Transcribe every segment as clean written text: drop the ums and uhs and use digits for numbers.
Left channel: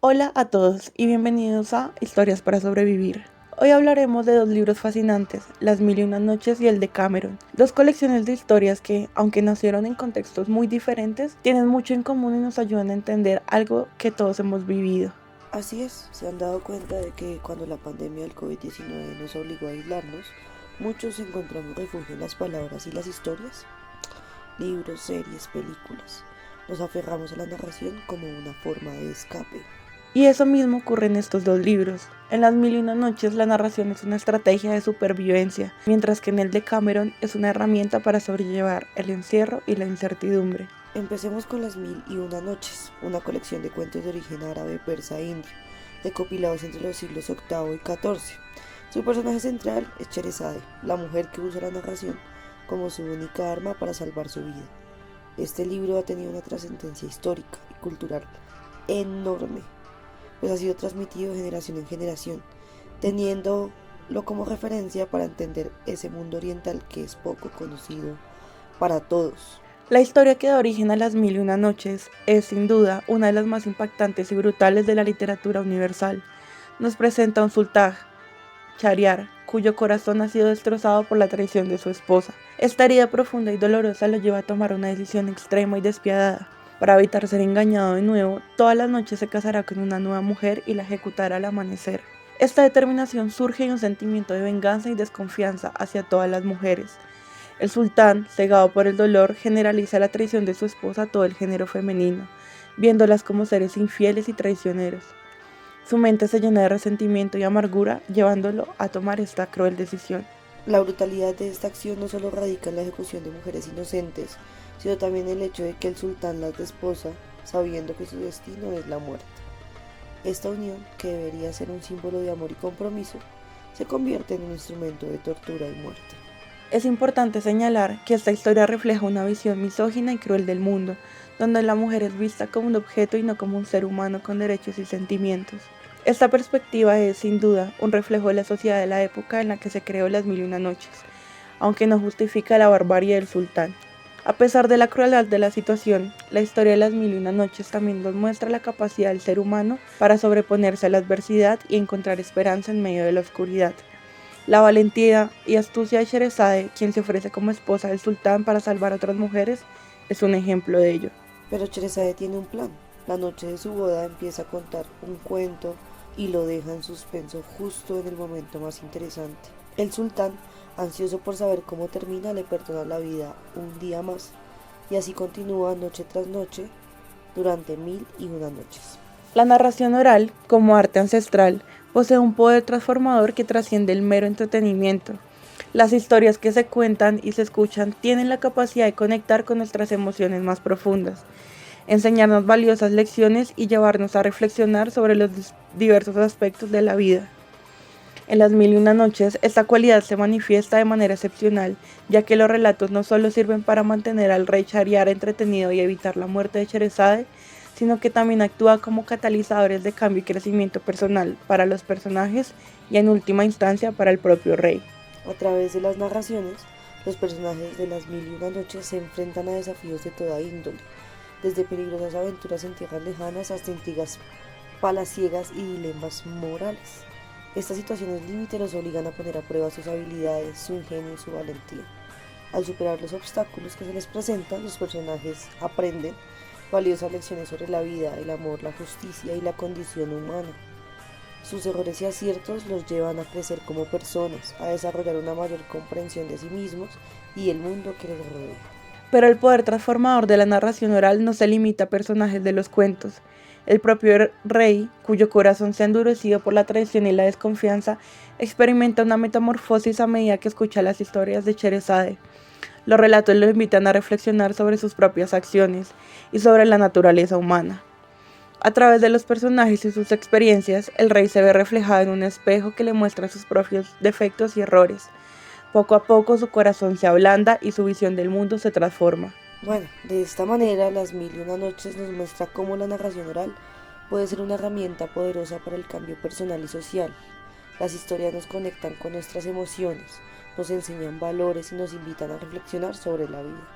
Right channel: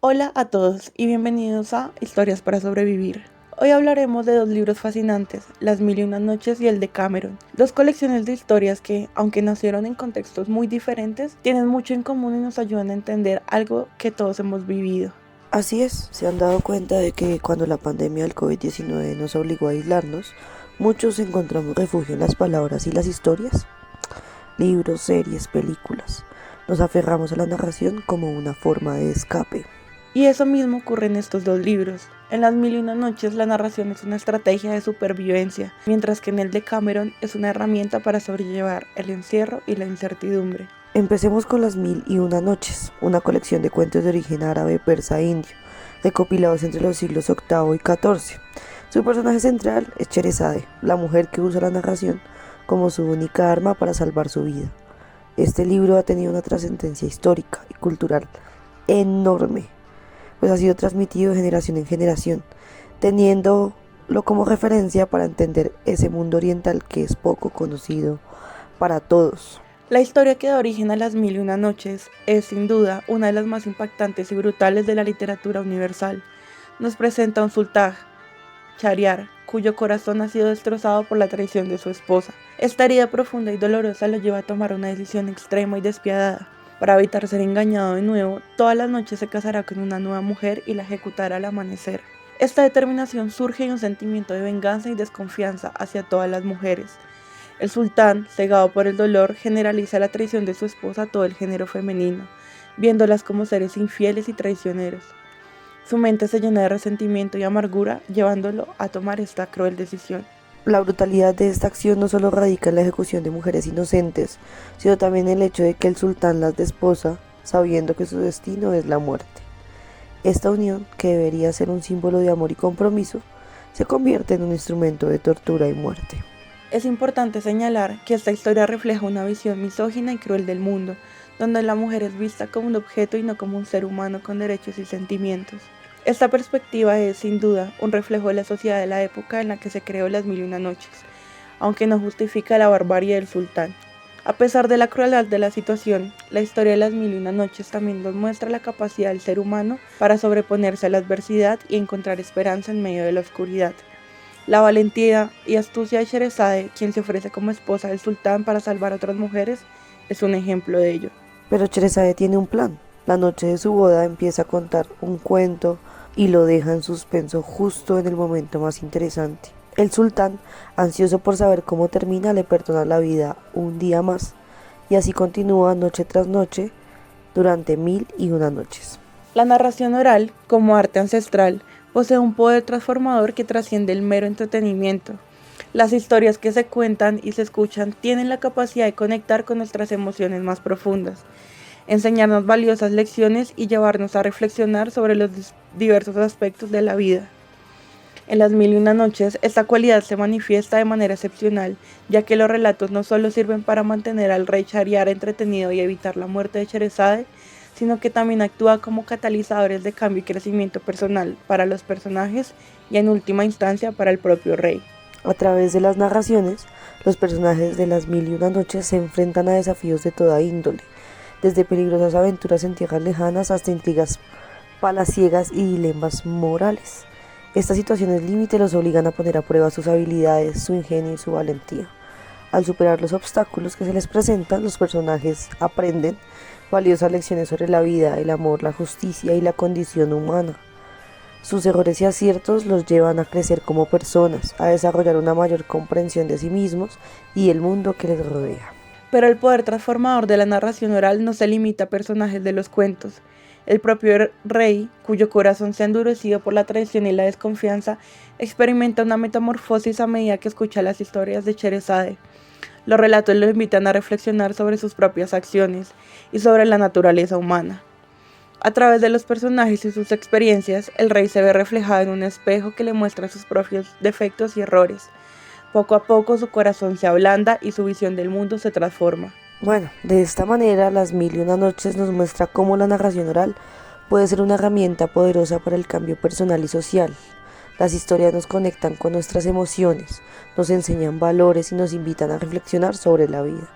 Hola a todos y bienvenidos a Historias para Sobrevivir. Hoy hablaremos de dos libros fascinantes, Las Mil y Una Noches y el de Cameron, dos colecciones de historias que, aunque nacieron en contextos muy diferentes, tienen mucho en común y nos ayudan a entender algo que todos hemos vivido. Así es, se han dado cuenta de que cuando la pandemia del COVID-19 nos obligó a aislarnos, muchos encontramos refugio en las palabras y las historias, libros, series, películas. Nos aferramos a la narración como una forma de escape. Y eso mismo ocurre en estos dos libros. En Las Mil y Una Noches la narración es una estrategia de supervivencia, mientras que en el de Cameron es una herramienta para sobrellevar el encierro y la incertidumbre. Empecemos con Las Mil y Una Noches, una colección de cuentos de origen árabe, persa e indio, recopilados entre los siglos VIII y XIV. Su personaje central es Sherezade, la mujer que usa la narración como su única arma para salvar su vida. Este libro ha tenido una trascendencia histórica y cultural enorme, pues ha sido transmitido de generación en generación, teniéndolo como referencia para entender ese mundo oriental que es poco conocido para todos. La historia que da origen a Las Mil y Una Noches es, sin duda, una de las más impactantes y brutales de la literatura universal. Nos presenta a un sultán, Shahriar, cuyo corazón ha sido destrozado por la traición de su esposa. Esta herida profunda y dolorosa lo lleva a tomar una decisión extrema y despiadada. Para evitar ser engañado de nuevo, todas las noches se casará con una nueva mujer y la ejecutará al amanecer. Esta determinación surge de un sentimiento de venganza y desconfianza hacia todas las mujeres. El sultán, cegado por el dolor, generaliza la traición de su esposa a todo el género femenino, viéndolas como seres infieles y traicioneros. Su mente se llena de resentimiento y amargura, llevándolo a tomar esta cruel decisión. La brutalidad de esta acción no solo radica en la ejecución de mujeres inocentes, sino también en el hecho de que el sultán las desposa sabiendo que su destino es la muerte. Esta unión, que debería ser un símbolo de amor y compromiso, se convierte en un instrumento de tortura y muerte. Es importante señalar que esta historia refleja una visión misógina y cruel del mundo, donde la mujer es vista como un objeto y no como un ser humano con derechos y sentimientos. Esta perspectiva es, sin duda, un reflejo de la sociedad de la época en la que se creó Las Mil y Una Noches, aunque no justifica la barbarie del sultán. A pesar de la crueldad de la situación, la historia de Las Mil y Una Noches también nos muestra la capacidad del ser humano para sobreponerse a la adversidad y encontrar esperanza en medio de la oscuridad. La valentía y astucia de Sherezade, quien se ofrece como esposa del sultán para salvar a otras mujeres, es un ejemplo de ello. Pero Sherezade tiene un plan. La noche de su boda empieza a contar un cuento y lo deja en suspenso justo en el momento más interesante. El sultán, ansioso por saber cómo termina, le perdona la vida un día más y así continúa noche tras noche durante 1001 noches. La narración oral, como arte ancestral, posee un poder transformador que trasciende el mero entretenimiento. Las historias que se cuentan y se escuchan tienen la capacidad de conectar con nuestras emociones más profundas, enseñarnos valiosas lecciones y llevarnos a reflexionar sobre los diversos aspectos de la vida. En Las Mil y Una Noches, esta cualidad se manifiesta de manera excepcional, ya que los relatos no solo sirven para mantener al rey Shahriar entretenido y evitar la muerte de Sherezade, sino que también actúa como catalizadores de cambio y crecimiento personal para los personajes y en última instancia para el propio rey. A través de las narraciones, los personajes de las 1001 noches se enfrentan a desafíos de toda índole, desde peligrosas aventuras en tierras lejanas hasta intrigas palaciegas y dilemas morales. Estas situaciones límite los obligan a poner a prueba sus habilidades, su ingenio y su valentía. Al superar los obstáculos que se les presentan, los personajes aprenden valiosas lecciones sobre la vida, el amor, la justicia y la condición humana. Sus errores y aciertos los llevan a crecer como personas, a desarrollar una mayor comprensión de sí mismos y el mundo que les rodea. Pero el poder transformador de la narración oral no se limita a personajes de los cuentos. El propio rey, cuyo corazón se ha endurecido por la traición y la desconfianza, experimenta una metamorfosis a medida que escucha las historias de Sherezade. Los relatos lo invitan a reflexionar sobre sus propias acciones y sobre la naturaleza humana. A través de los personajes y sus experiencias, el rey se ve reflejado en un espejo que le muestra sus propios defectos y errores. Poco a poco su corazón se ablanda y su visión del mundo se transforma. Bueno, de esta manera, Las 1001 noches nos muestra cómo la narración oral puede ser una herramienta poderosa para el cambio personal y social. Las historias nos conectan con nuestras emociones, nos enseñan valores y nos invitan a reflexionar sobre la vida.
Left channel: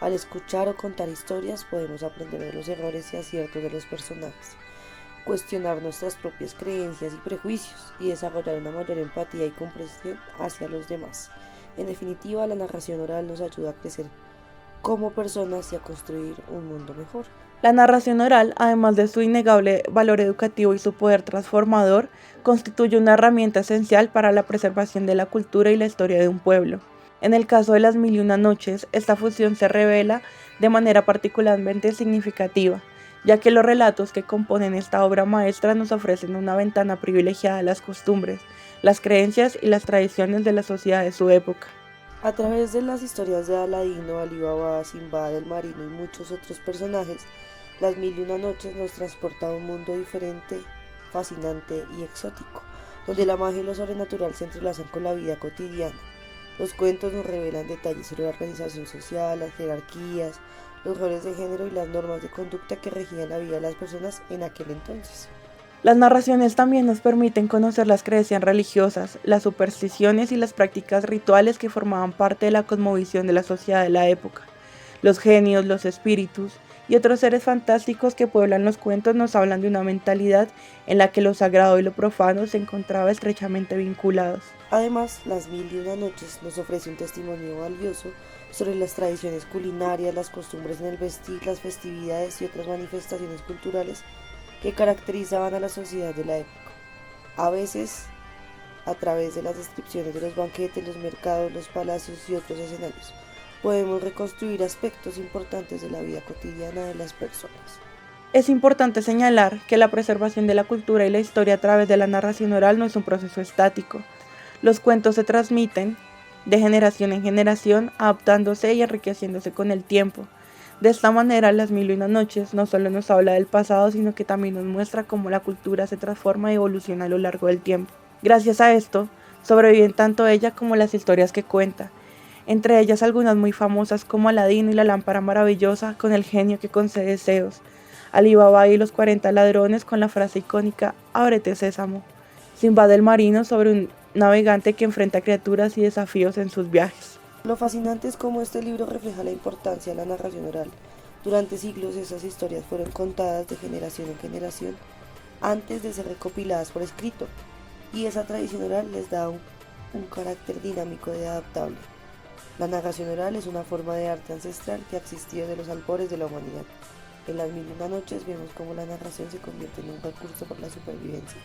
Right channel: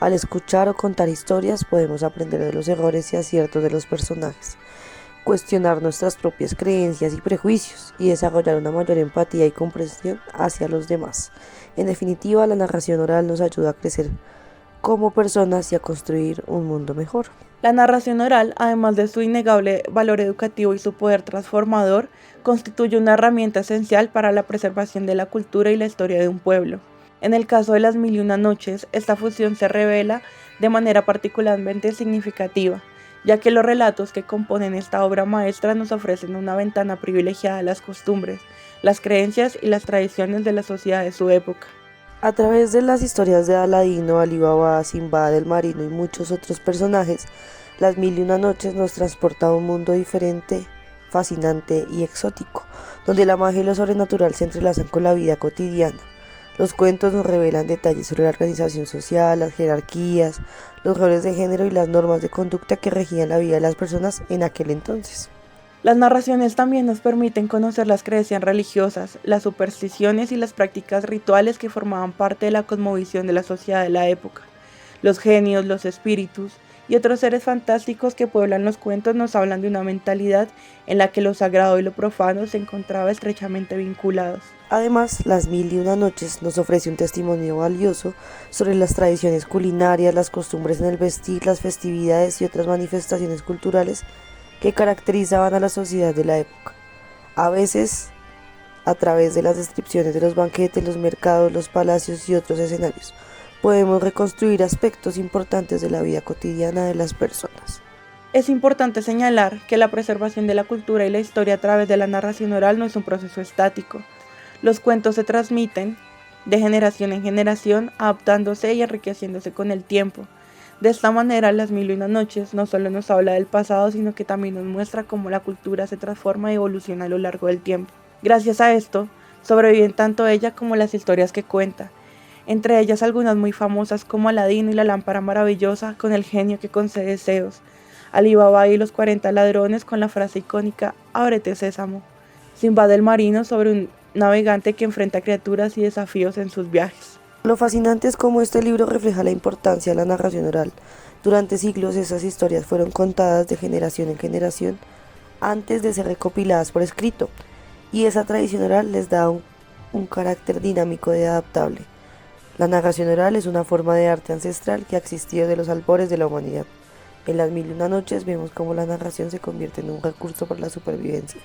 Al escuchar o contar historias podemos aprender de los errores y aciertos de los personajes cuestionar nuestras propias creencias y prejuicios y desarrollar una mayor empatía y comprensión hacia los demás. En definitiva, la narración oral nos ayuda a crecer como personas y a construir un mundo mejor. La narración oral, además de su innegable valor educativo y su poder transformador, constituye una herramienta esencial para la preservación de la cultura y la historia de un pueblo. En el caso de Las Mil y Una Noches, esta fusión se revela de manera particularmente significativa, ya que los relatos que componen esta obra maestra nos ofrecen una ventana privilegiada a las costumbres, las creencias y las tradiciones de la sociedad de su época. A través de las historias de Aladino, Alí Baba, Simbad el Marino y muchos otros personajes, Las Mil y Una Noches nos transporta a un mundo diferente, fascinante y exótico, donde la magia y lo sobrenatural se entrelazan con la vida cotidiana. Los cuentos nos revelan detalles sobre la organización social, las jerarquías, los roles de género y las normas de conducta que regían la vida de las personas en aquel entonces. Las narraciones también nos permiten conocer las creencias religiosas, las supersticiones y las prácticas rituales que formaban parte de la cosmovisión de la sociedad de la época. Los genios, los espíritus y otros seres fantásticos que pueblan los cuentos nos hablan de una mentalidad en la que lo sagrado y lo profano se encontraban estrechamente vinculados. Además, Las Mil y Una Noches nos ofrece un testimonio valioso sobre las tradiciones culinarias, las costumbres en el vestir, las festividades y otras manifestaciones culturales que caracterizaban a la sociedad de la época. A veces, a través de las descripciones de los banquetes, los mercados, los palacios y otros escenarios, podemos reconstruir aspectos importantes de la vida cotidiana de las personas. Es importante señalar que la preservación de la cultura y la historia a través de la narración oral no es un proceso estático. Los cuentos se transmiten de generación en generación, adaptándose y enriqueciéndose con el tiempo. De esta manera, Las Mil y Una Noches no solo nos habla del pasado, sino que también nos muestra cómo la cultura se transforma y evoluciona a lo largo del tiempo. Gracias a esto, sobreviven tanto ella como las historias que cuenta, entre ellas algunas muy famosas como Aladino y la lámpara maravillosa con el genio que concede deseos, Alí Baba y los 40 ladrones con la frase icónica «Ábrete, sésamo», Simbad el Marino sobre un navegante que enfrenta criaturas y desafíos en sus viajes. Lo fascinante es cómo este libro refleja la importancia de la narración oral. Durante siglos esas historias fueron contadas de generación en generación antes de ser recopiladas por escrito, y esa tradición oral les da un carácter dinámico y adaptable. La narración oral es una forma de arte ancestral que ha existido desde los albores de la humanidad. En Las Mil y Una Noches vemos cómo la narración se convierte en un recurso para la supervivencia,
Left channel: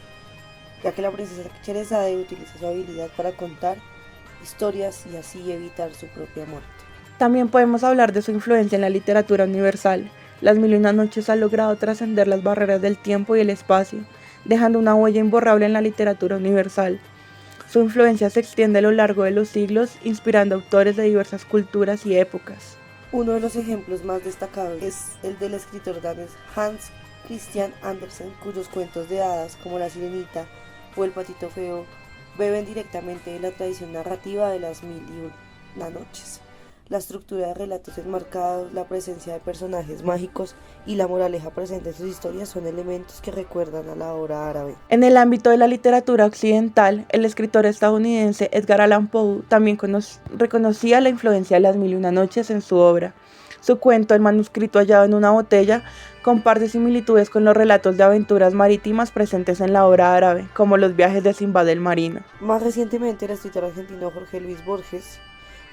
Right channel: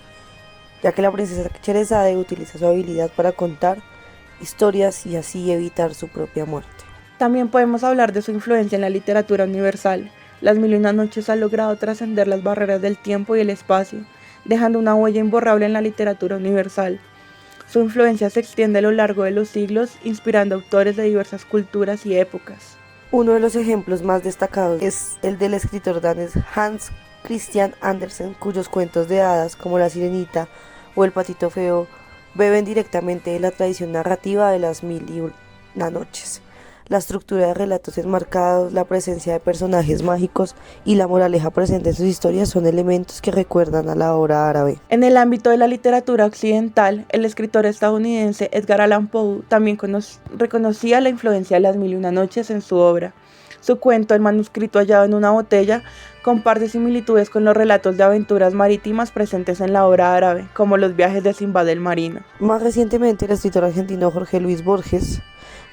ya que la princesa Sherezade utiliza su habilidad para contar historias y así evitar su propia muerte. También podemos hablar de su influencia en la literatura universal. Las Mil y Una Noches ha logrado trascender las barreras del tiempo y el espacio, dejando una huella imborrable en la literatura universal. Su influencia se extiende a lo largo de los siglos, inspirando autores de diversas culturas y épocas. Uno de los ejemplos más destacados es el del escritor danés Hans Christian Andersen, cuyos cuentos de hadas como La Sirenita o El Patito Feo beben directamente de la tradición narrativa de Las Mil y Una Noches. La estructura de relatos enmarcados, la presencia de personajes mágicos y la moraleja presente en sus historias son elementos que recuerdan a la obra árabe. En el ámbito de la literatura occidental, el escritor estadounidense Edgar Allan Poe también reconocía la influencia de Las Mil y Una Noches en su obra. Su cuento, El manuscrito hallado en una botella, comparte similitudes con los relatos de aventuras marítimas presentes en la obra árabe, como los viajes de Simbad el Marino. Más recientemente, el escritor argentino Jorge Luis Borges,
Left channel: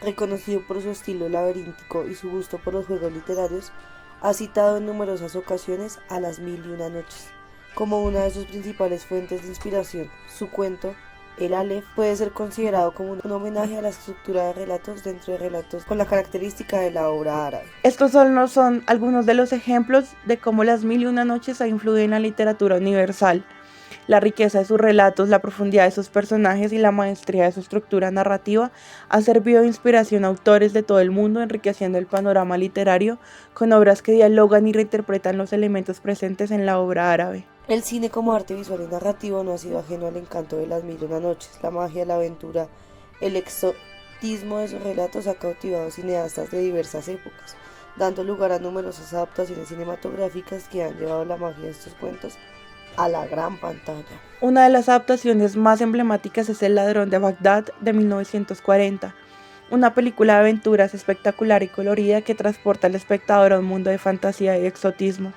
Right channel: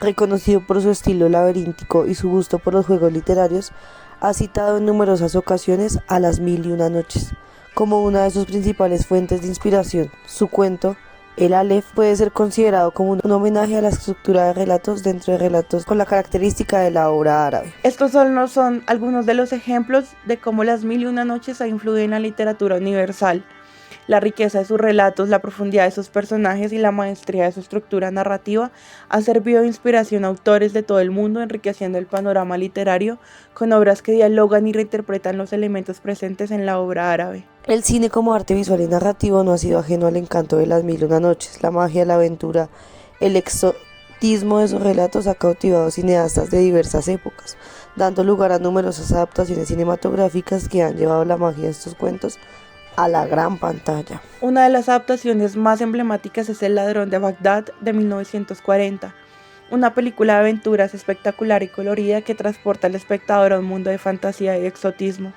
reconocido por su estilo laberíntico y su gusto por los juegos literarios, ha citado en numerosas ocasiones a Las Mil y Una Noches como una de sus principales fuentes de inspiración. Su cuento, El Aleph, puede ser considerado como un homenaje a la estructura de relatos dentro de relatos con la característica de la obra árabe. Estos solo son algunos de los ejemplos de cómo Las Mil y Una Noches ha influido en la literatura universal. La riqueza de sus relatos, la profundidad de sus personajes y la maestría de su estructura narrativa ha servido de inspiración a autores de todo el mundo, enriqueciendo el panorama literario con obras que dialogan y reinterpretan los elementos presentes en la obra árabe. El cine como arte visual y narrativo no ha sido ajeno al encanto de Las Mil y Una Noches. La magia, la aventura, el exotismo de sus relatos ha cautivado cineastas de diversas épocas, dando lugar a numerosas adaptaciones cinematográficas que han llevado la magia de estos cuentos a la gran pantalla. Una de las adaptaciones más emblemáticas es El ladrón de Bagdad de 1940, una película de aventuras espectacular y colorida que transporta al espectador a un mundo de fantasía y exotismo.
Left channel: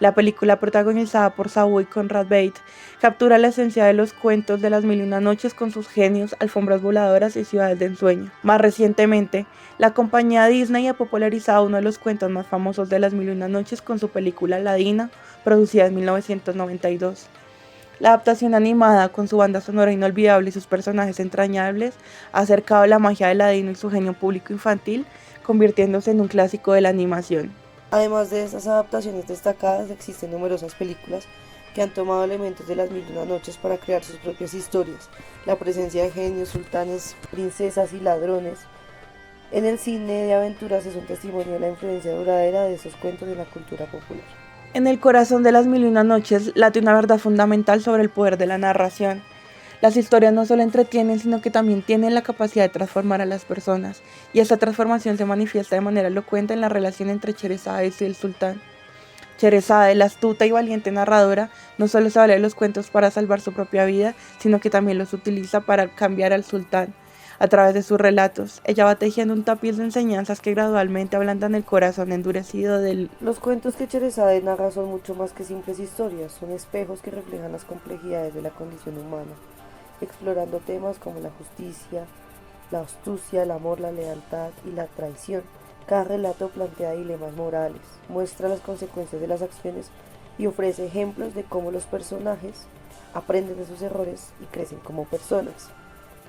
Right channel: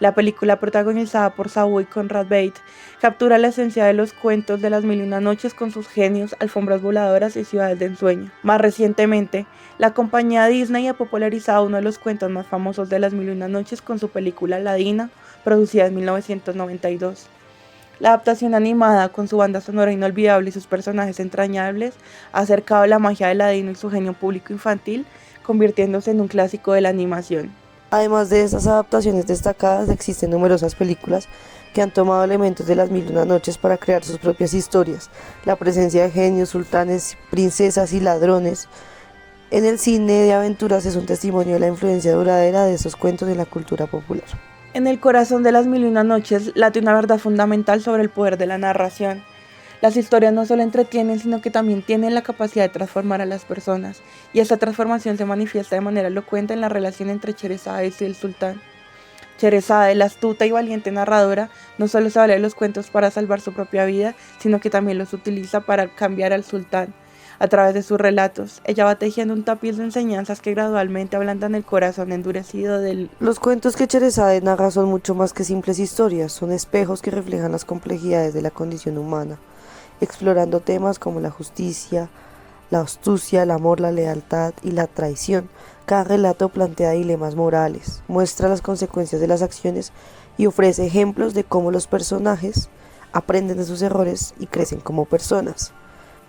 La película, protagonizada por Savoy Conrad Bate, captura la esencia de los cuentos de las mil y una noches con sus genios, alfombras voladoras y ciudades de ensueño. Más recientemente, la compañía Disney ha popularizado uno de los cuentos más famosos de las mil y una noches con su película Aladina, producida en 1992. La adaptación animada, con su banda sonora inolvidable y sus personajes entrañables, ha acercado la magia de Aladino y su genio público infantil, convirtiéndose en un clásico de la animación. Además de estas adaptaciones destacadas, existen numerosas películas que han tomado elementos de las mil y una noches para crear sus propias historias. La presencia de genios, sultanes, princesas y ladrones en el cine de aventuras es un testimonio de la influencia duradera de esos cuentos en la cultura popular. En el corazón de las mil y una noches late una verdad fundamental sobre el poder de la narración. Las historias no solo entretienen, sino que también tienen la capacidad de transformar a las personas, y esta transformación se manifiesta de manera elocuente en la relación entre Sherezade y el sultán. Sherezade, la astuta y valiente narradora, no solo se vale de los cuentos para salvar su propia vida, sino que también los utiliza para cambiar al sultán. A través de sus relatos, ella va tejiendo un tapiz de enseñanzas que gradualmente ablandan el corazón endurecido del... Los cuentos que Sherezade narra son mucho más que simples historias, son espejos que reflejan las complejidades de la condición humana, explorando temas como la justicia, la astucia, el amor, la lealtad y la traición. Cada relato plantea dilemas morales, muestra las consecuencias de las acciones y ofrece ejemplos de cómo los personajes aprenden de sus errores y crecen como personas.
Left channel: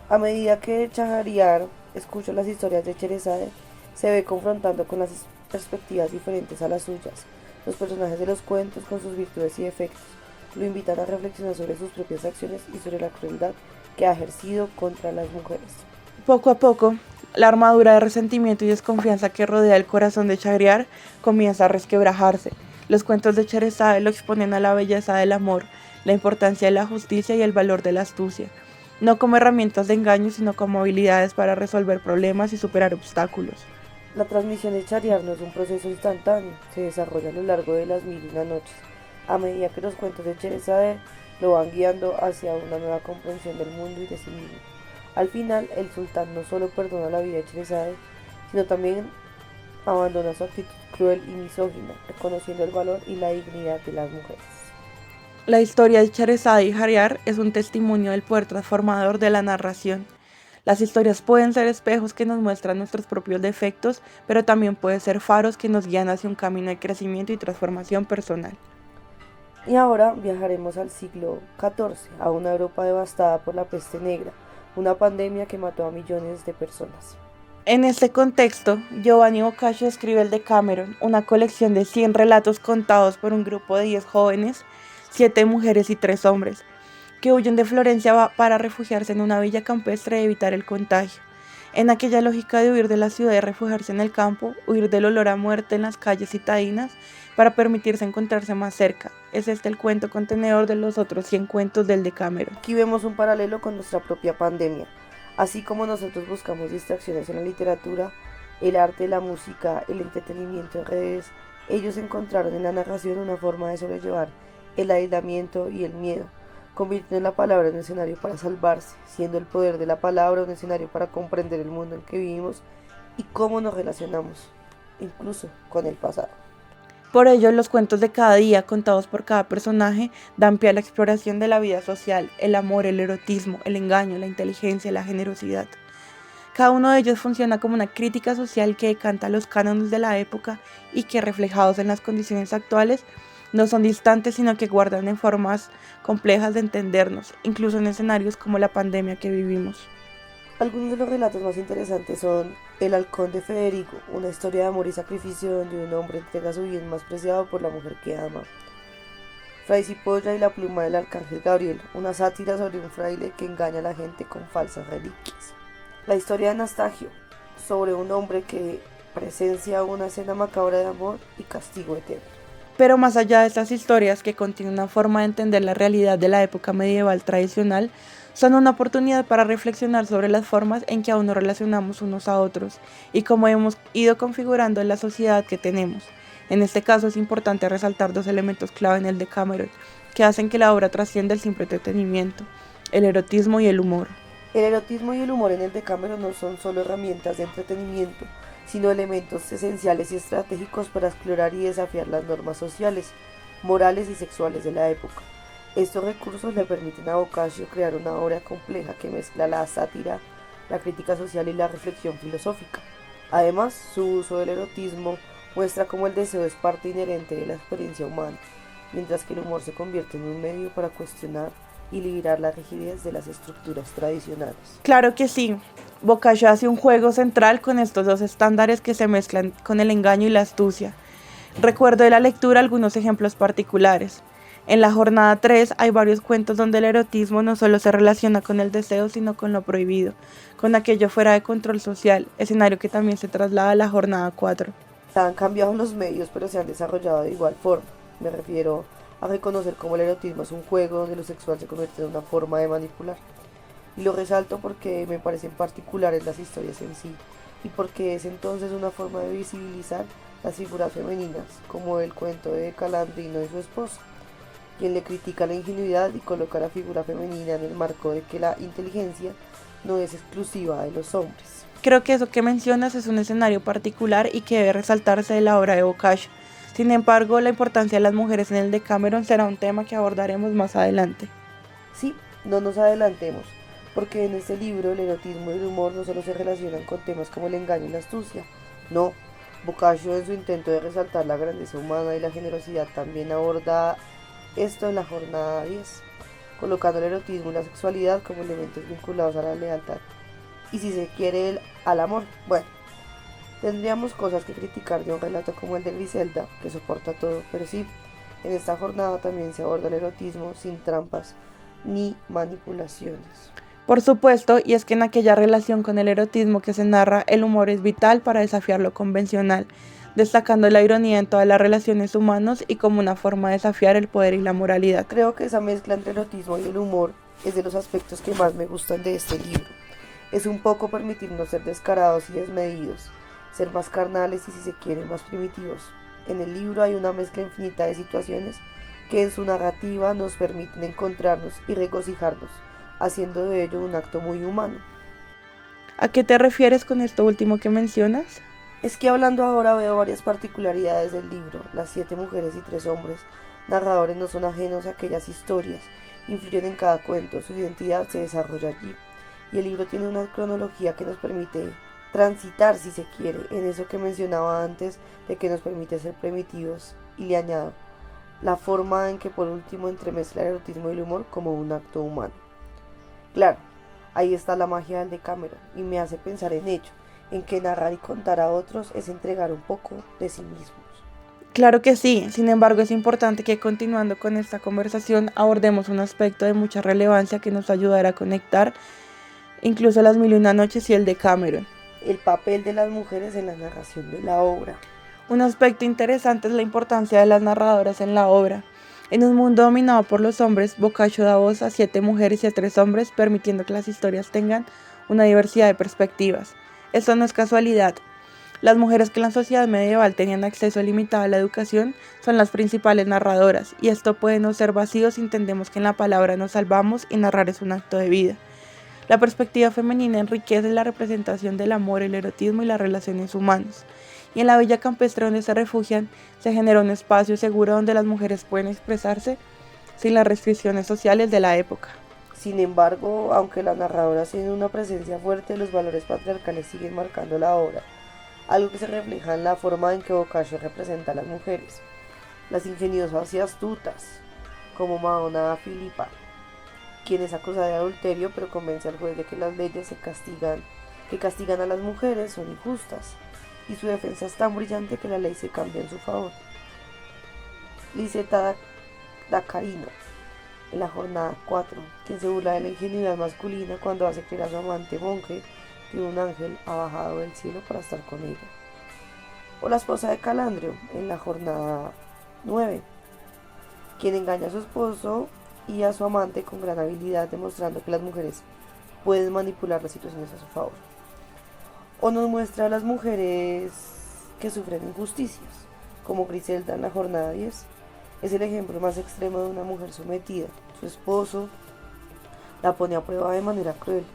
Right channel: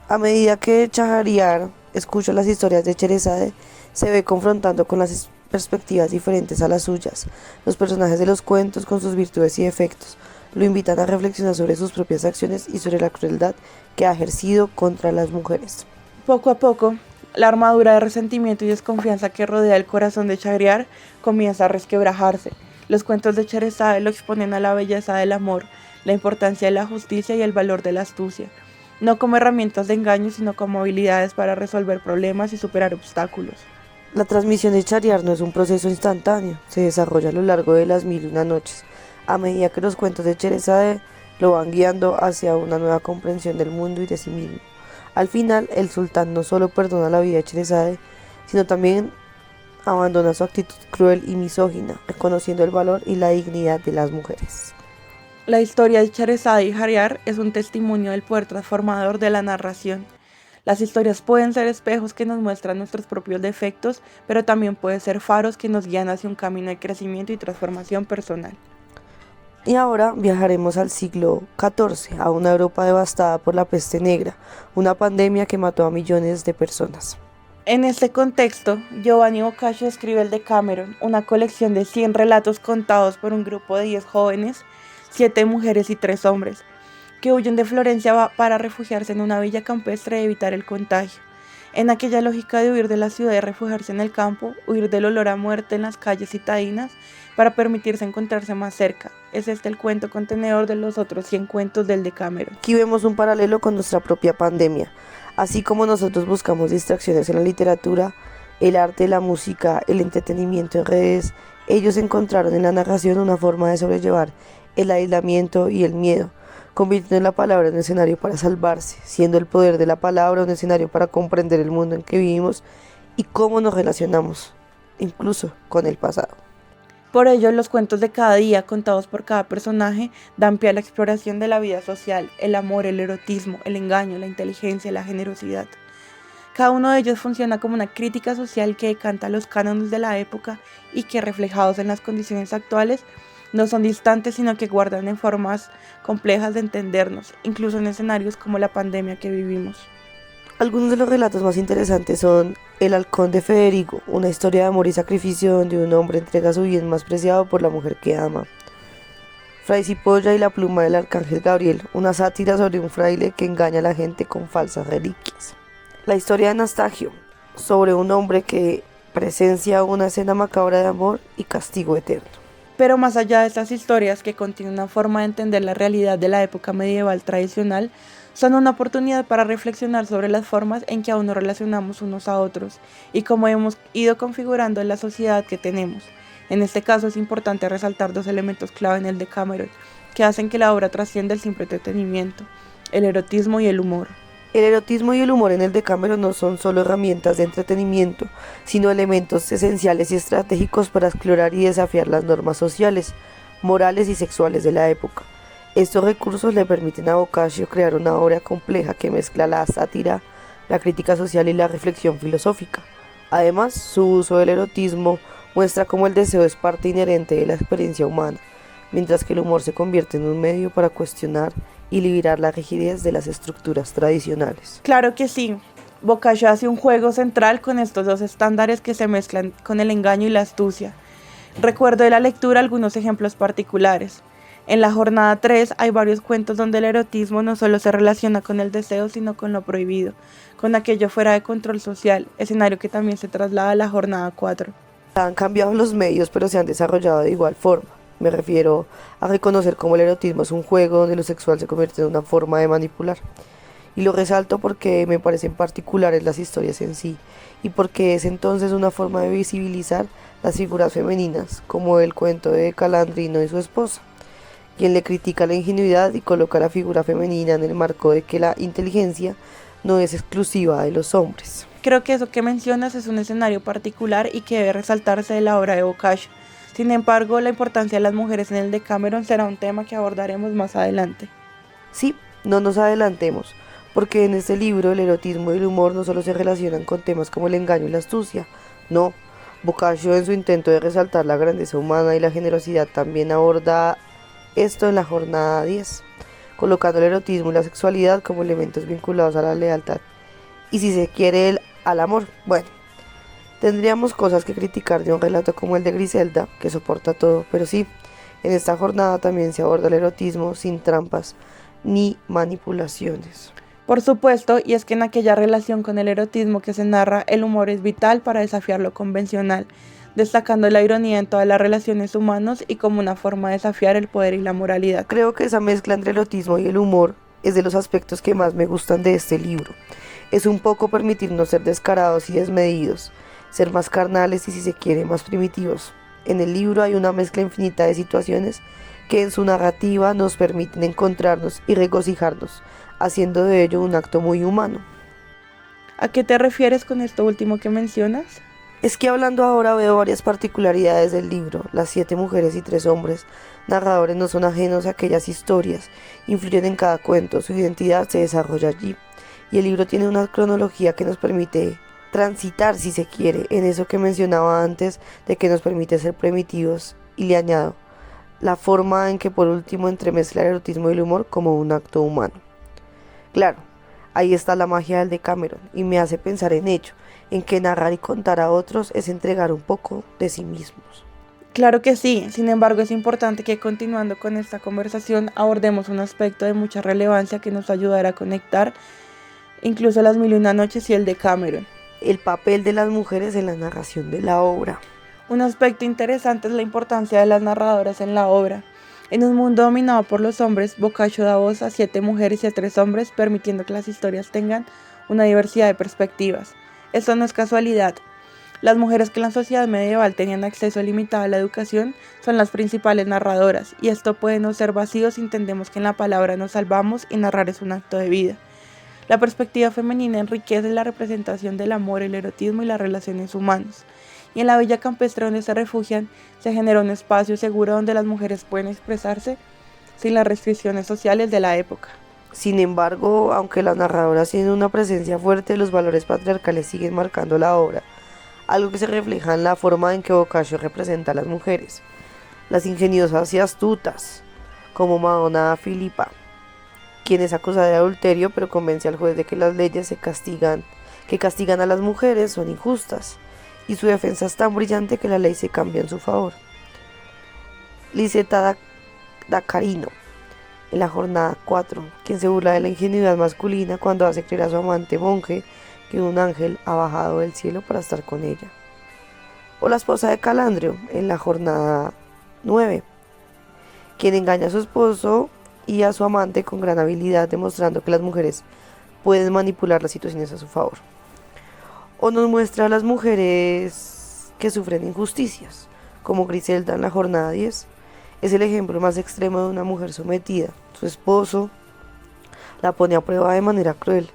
A medida que Shahryar escucha las historias de Sherezade, se ve confrontando con las perspectivas diferentes a las suyas. Los personajes de los cuentos, con sus virtudes y defectos, lo invitan a reflexionar sobre sus propias acciones y sobre la crueldad que ha ejercido contra las mujeres. Poco a poco, la armadura de resentimiento y desconfianza que rodea el corazón de Shahryar comienza a resquebrajarse. Los cuentos de Sherezade lo exponen a la belleza del amor, la importancia de la justicia y el valor de la astucia, no como herramientas de engaño, sino como habilidades para resolver problemas y superar obstáculos. La transmisión de Shahryar no es un proceso instantáneo, se desarrolla a lo largo de las mil y una noches, a medida que los cuentos de Sherezade lo van guiando hacia una nueva comprensión del mundo y de sí mismo. Al final, el sultán no solo perdona la vida de Sherezade, sino también abandona su actitud cruel y misógina, reconociendo el valor y la dignidad de las mujeres. La historia de Sherezade y Shahryar es un testimonio del poder transformador de la narración. Las historias pueden ser espejos que nos muestran nuestros propios defectos, pero también pueden ser faros que nos guían hacia un camino de crecimiento y transformación personal. Y ahora viajaremos al siglo XIV, a una Europa devastada por la peste negra, una pandemia que mató a millones de personas. En este contexto, Giovanni Boccaccio escribe el Decameron, una colección de 100 relatos contados por un grupo de 10 jóvenes, 7 mujeres y 3 hombres, que huyen de Florencia para refugiarse en una villa campestre y evitar el contagio. En aquella lógica de huir de la ciudad y refugiarse en el campo, huir del olor a muerte en las calles citadinas para permitirse encontrarse más cerca. Es este el cuento contenedor de los otros 100 cuentos del Decameron. Aquí vemos un paralelo con nuestra propia pandemia. Así como nosotros buscamos distracciones en la literatura, el arte, la música, el entretenimiento en redes, ellos encontraron en la narración una forma de sobrellevar el aislamiento y el miedo, convirtiendo la palabra en un escenario para salvarse, siendo el poder de la palabra un escenario para comprender el mundo en que vivimos y cómo nos relacionamos, incluso con el pasado. Por ello, los cuentos de cada día, contados por cada personaje, dan pie a la exploración de la vida social, el amor, el erotismo, el engaño, la inteligencia, la generosidad. Cada uno de ellos funciona como una crítica social que decanta los cánones de la época y que, reflejados en las condiciones actuales, no son distantes, sino que guardan en formas complejas de entendernos, incluso en escenarios como la pandemia que vivimos. Algunos de los relatos más interesantes son El halcón de Federico, una historia de amor y sacrificio donde un hombre entrega su bien más preciado por la mujer que ama. Fray Cipolla y la pluma del arcángel Gabriel, una sátira sobre un fraile que engaña a la gente con falsas reliquias. La historia de Anastasio, sobre un hombre que presencia una escena macabra de amor y castigo eterno. Pero más allá de estas historias, que contienen una forma de entender la realidad de la época medieval tradicional, son una oportunidad para reflexionar sobre las formas en que aún nos relacionamos unos a otros y cómo hemos ido configurando la sociedad que tenemos. En este caso es importante resaltar 2 elementos clave en el Decameron, que hacen que la obra trascienda el simple entretenimiento: el erotismo y el humor. El erotismo y el humor en el Decameron no son solo herramientas de entretenimiento, sino elementos esenciales y estratégicos para explorar y desafiar las normas sociales. morales y sexuales de la época. Estos recursos le permiten a Boccaccio crear una obra compleja que mezcla la sátira, la crítica social y la reflexión filosófica. Además, su uso del erotismo muestra cómo el deseo es parte inherente de la experiencia humana, mientras que el humor se convierte en un medio para cuestionar y liberar la rigidez de las estructuras tradicionales. Claro que sí. Boccaccio hace un juego central con estos dos estándares que se mezclan con el engaño y la astucia. Recuerdo de la lectura algunos ejemplos particulares. En la jornada 3 hay varios cuentos donde el erotismo no solo se relaciona con el deseo, sino con lo prohibido, con aquello fuera de control social, escenario que también se traslada a la jornada 4. Han cambiado los medios, pero se han desarrollado de igual forma. Me refiero a reconocer cómo el erotismo es un juego donde lo sexual se convierte en una forma de manipular. Y lo resalto porque me parecen particulares las historias en sí, y porque es entonces una forma de visibilizar las figuras femeninas, como el cuento de Calandrino y su esposa, quien le critica la ingenuidad y coloca a la figura femenina en el marco de que la inteligencia no es exclusiva de los hombres. Creo que eso que mencionas es un escenario particular y que debe resaltarse de la obra de Boccaccio. Sin embargo, la importancia de las mujeres en el Decameron será un tema que abordaremos más adelante. Sí, no nos adelantemos, porque en este libro el erotismo y el humor no solo se relacionan con temas como el engaño y la astucia, no. Boccaccio, en su intento de resaltar la grandeza humana y la generosidad, también aborda esto en la jornada 10, colocando el erotismo y la sexualidad como elementos vinculados a la lealtad y, si se quiere, al amor. Bueno, tendríamos cosas que criticar de un relato como el de Griselda, que soporta todo, pero sí, en esta jornada también se aborda el erotismo sin trampas ni manipulaciones. Por supuesto, y es que en aquella relación con el erotismo que se narra, el humor es vital para desafiar lo convencional, destacando la ironía en todas las relaciones humanas y como una forma de desafiar el poder y la moralidad. Creo que esa mezcla entre el erotismo y el humor es de los aspectos que más me gustan de este libro. Es un poco permitirnos ser descarados y desmedidos, ser más carnales y, si se quiere, más primitivos. En el libro hay una mezcla infinita de situaciones que en su narrativa nos permiten encontrarnos y regocijarnos, haciendo de ello un acto muy humano. ¿A qué te refieres con esto último que mencionas? Es que hablando ahora veo varias particularidades del libro. Las 7 mujeres y 3 hombres narradores no son ajenos a aquellas historias, influyen en cada cuento, su identidad se desarrolla allí. Y el libro tiene una cronología que nos permite transitar, si se quiere, en eso que mencionaba antes de que nos permite ser primitivos. Y le añado la forma en que por último entremezcla el erotismo y el humor como un acto humano. Claro, ahí está la magia del Decameron y me hace pensar en ello, en que narrar y contar a otros es entregar un poco de sí mismos. Claro que sí, sin embargo es importante que continuando con esta conversación abordemos un aspecto de mucha relevancia que nos ayudará a conectar incluso las Mil y una noches y el Decameron. El papel de las mujeres en la narración de la obra. Un aspecto interesante es la importancia de las narradoras en la obra. En un mundo dominado por los hombres, Boccaccio da voz a 7 mujeres y a 3 hombres, permitiendo que las historias tengan una diversidad de perspectivas. Esto no es casualidad. Las mujeres que en la sociedad medieval tenían acceso limitado a la educación son las principales narradoras, y esto puede no ser vacío si entendemos que en la palabra nos salvamos y narrar es un acto de vida. La perspectiva femenina enriquece la representación del amor, el erotismo y las relaciones humanas. Y en la villa campestre donde se refugian, se genera un espacio seguro donde las mujeres pueden expresarse sin las restricciones sociales de la época. Sin embargo, aunque las narradoras tienen una presencia fuerte, los valores patriarcales siguen marcando la obra, algo que se refleja en la forma en que Boccaccio representa a las mujeres. Las ingeniosas y astutas, como Madonna Filipa, quien es acusada de adulterio pero convence al juez de que las leyes que castigan a las mujeres son injustas, y su defensa es tan brillante que la ley se cambia en su favor. Liseta da Carino, en la jornada 4, quien se burla de la ingenuidad masculina cuando hace creer a su amante monje que un ángel ha bajado del cielo para estar con ella. O la esposa de Calandrio, en la jornada 9, quien engaña a su esposo y a su amante con gran habilidad, demostrando que las mujeres pueden manipular las situaciones a su favor. O nos muestra a las mujeres que sufren injusticias, como Griselda en la jornada 10. Es el ejemplo más extremo de una mujer sometida. Su esposo la pone a prueba de manera cruel,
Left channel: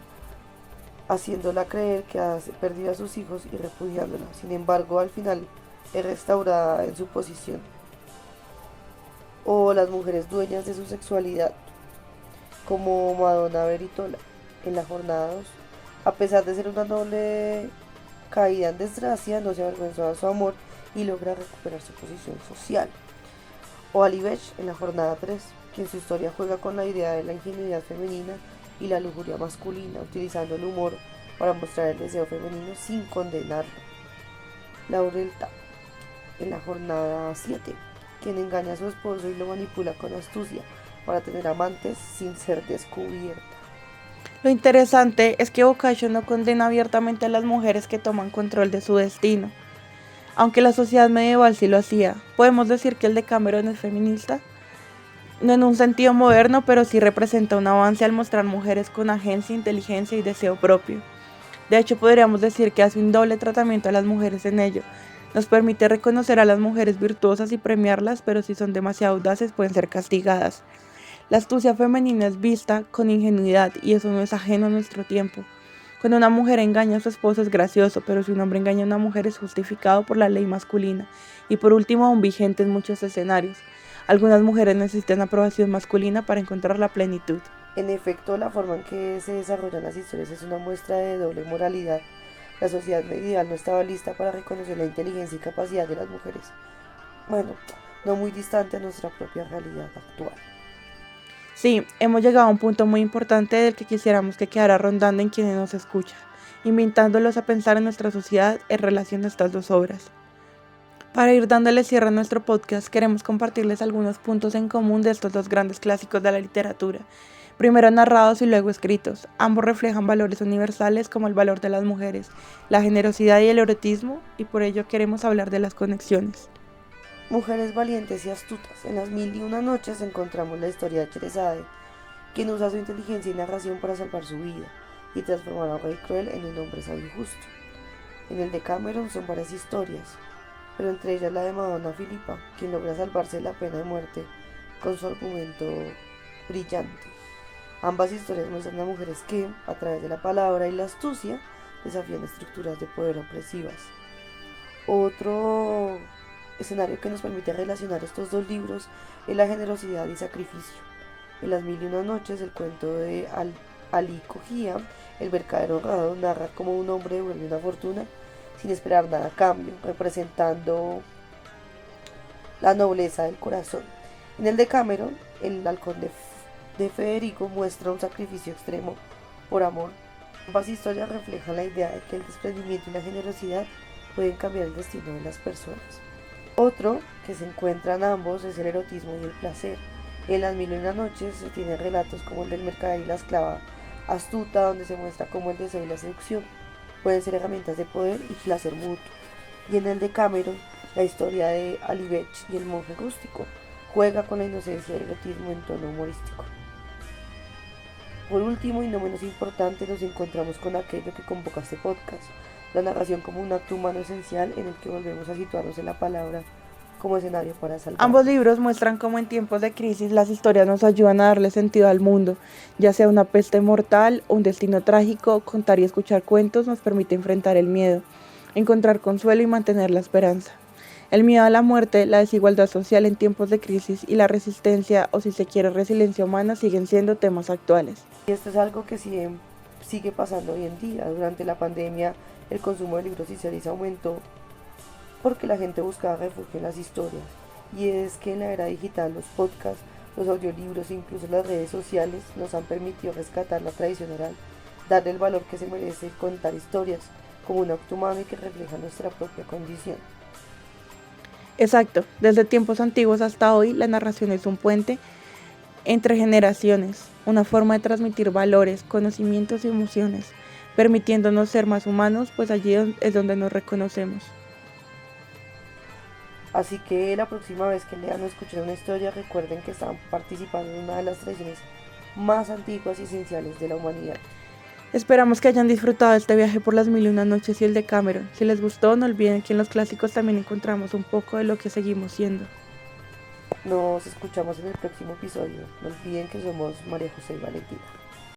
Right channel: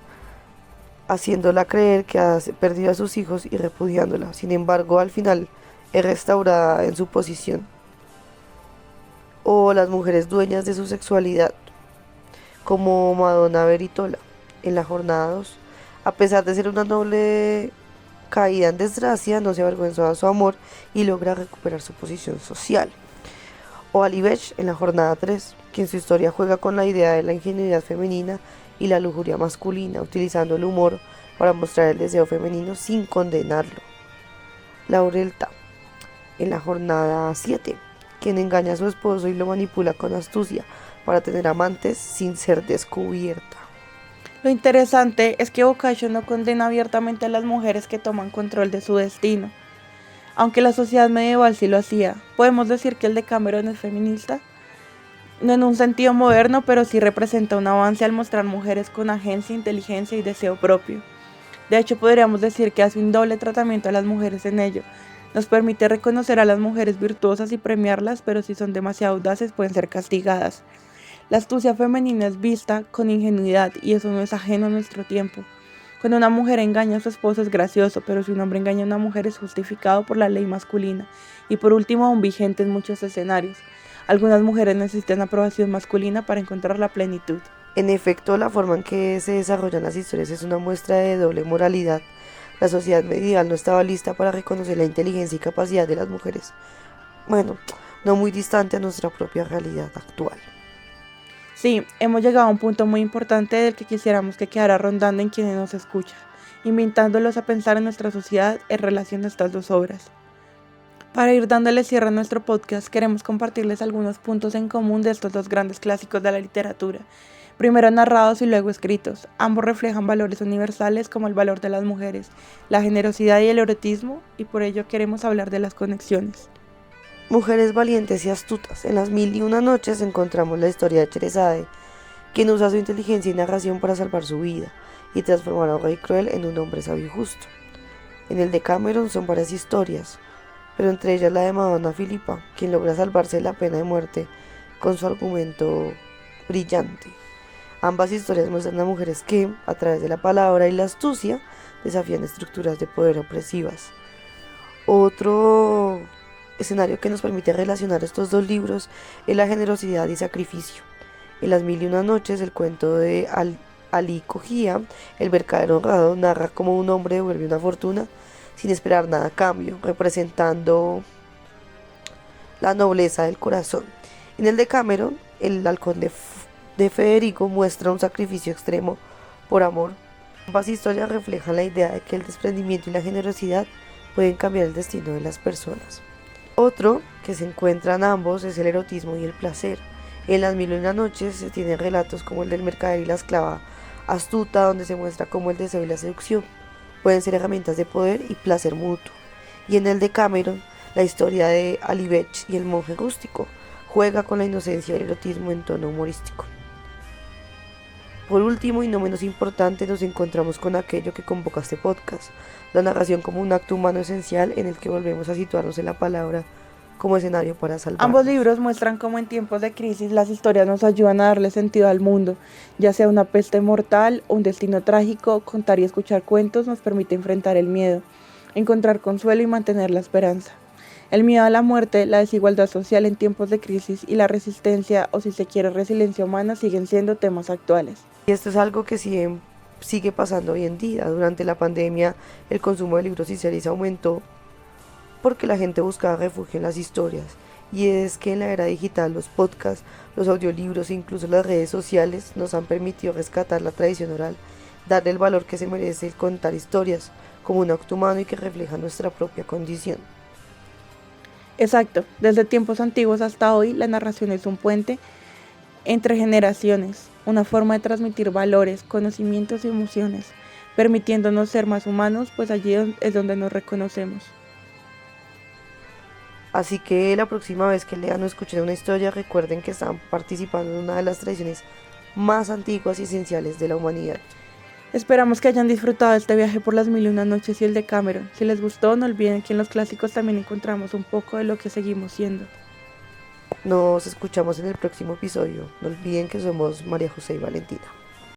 haciéndola creer que ha perdido a sus hijos y repudiándola. Sin embargo, al final es restaurada en su posición. o las mujeres dueñas de su sexualidad, como Madonna Beritola en la jornada 2. A pesar de ser una noble caída en desgracia, no se avergüenzó de su amor y logra recuperar su posición social. O Alibech en la jornada 3, que en su historia juega con la idea de la ingenuidad femenina y la lujuria masculina, utilizando el humor para mostrar el deseo femenino sin condenarlo. Laurelta en la jornada 7, quien engaña a su esposo y lo manipula con astucia para tener amantes sin ser descubierta. Lo interesante es que Boccaccio no condena abiertamente a las mujeres que toman control de su destino. Aunque la sociedad medieval sí lo hacía, podemos decir que el Decameron es feminista. No en un sentido moderno, pero sí representa un avance al mostrar mujeres con agencia, inteligencia y deseo propio. De hecho, podríamos decir que hace un doble tratamiento a las mujeres en ello. Nos permite reconocer a las mujeres virtuosas y premiarlas, pero si son demasiado audaces pueden ser castigadas. La astucia femenina es vista con ingenuidad y eso no es ajeno a nuestro tiempo. Cuando una mujer engaña a su esposo es gracioso, pero si un hombre engaña a una mujer es justificado por la ley masculina y por último aún vigente en muchos escenarios. Algunas mujeres necesitan aprobación masculina para encontrar la plenitud. En efecto, la forma en que se desarrollan las historias es una muestra de doble moralidad. La sociedad medieval no estaba lista para reconocer la inteligencia y capacidad de las mujeres. Bueno, no muy distante a nuestra propia realidad actual. Sí, hemos llegado a un punto muy importante del que quisiéramos que quedara rondando en quienes nos escuchan, invitándolos a pensar en nuestra sociedad en relación a estas dos obras. Para ir dándole cierre a nuestro podcast, queremos compartirles algunos puntos en común de estos dos grandes clásicos de la literatura, primero narrados y luego escritos. Ambos reflejan valores universales como el valor de las mujeres, la generosidad y el erotismo, y por ello queremos hablar de las conexiones. Mujeres valientes y astutas. En las 1001 noches encontramos la historia de Cheresade, quien usa su inteligencia y narración para salvar su vida y transformar a un rey cruel en un hombre sabio y justo. En el Decameron son varias historias, pero entre ellas la de Madonna Filipa, quien logra salvarse de la pena de muerte con su argumento brillante. Ambas historias muestran a mujeres que, a través de la palabra y la astucia, desafían estructuras de poder opresivas. Otro escenario que nos permite relacionar estos dos libros es la generosidad y sacrificio. En las 1001 noches, el cuento de Ali Cogía, el mercader honrado, narra cómo un hombre devuelve una fortuna sin esperar nada a cambio, representando la nobleza del corazón. En el Decameron, el halcón de Federico muestra un sacrificio extremo por amor. Ambas historias reflejan la idea de que el desprendimiento y la generosidad pueden cambiar el destino de las personas. Otro que se encuentra en ambos es el erotismo y el placer. En las 1001 noches se tienen relatos como el del mercader y la esclava astuta, donde se muestra cómo el deseo y la seducción pueden ser herramientas de poder y placer mutuo. Y en el Decameron, la historia de Alibech y el monje rústico juega con la inocencia y el erotismo en tono humorístico. Por último y no menos importante, nos encontramos con aquello que convoca este podcast, la narración como un acto humano esencial en el que volvemos a situarnos en la palabra como escenario para salvar. Ambos libros muestran cómo en tiempos de crisis las historias nos ayudan a darle sentido al mundo, ya sea una peste mortal o un destino trágico. Contar y escuchar cuentos nos permite enfrentar el miedo, encontrar consuelo y mantener la esperanza. El miedo a la muerte, la desigualdad social en tiempos de crisis y la resistencia, o si se quiere resiliencia humana, siguen siendo temas actuales. Y esto es algo que sigue pasando hoy en día. Durante la pandemia, el consumo de libros y series aumentó porque la gente buscaba refugio en las historias. Y es que en la era digital, los podcasts, los audiolibros e incluso las redes sociales nos han permitido rescatar la tradición oral, darle el valor que se merece contar historias como un acto humano y que refleja nuestra propia condición. Exacto, desde tiempos antiguos hasta hoy, la narración es un puente entre generaciones, una forma de transmitir valores, conocimientos y emociones, permitiéndonos ser más humanos, pues allí es donde nos reconocemos. Así que la próxima vez que lean o escuchen una historia, recuerden que están participando en una de las tradiciones más antiguas y esenciales de la humanidad. Esperamos que hayan disfrutado de este viaje por las 1001 noches y el Decameron. Si les gustó, no olviden que en los clásicos también encontramos un poco de lo que seguimos siendo. Nos escuchamos en el próximo episodio. No olviden que somos María José y Valentina.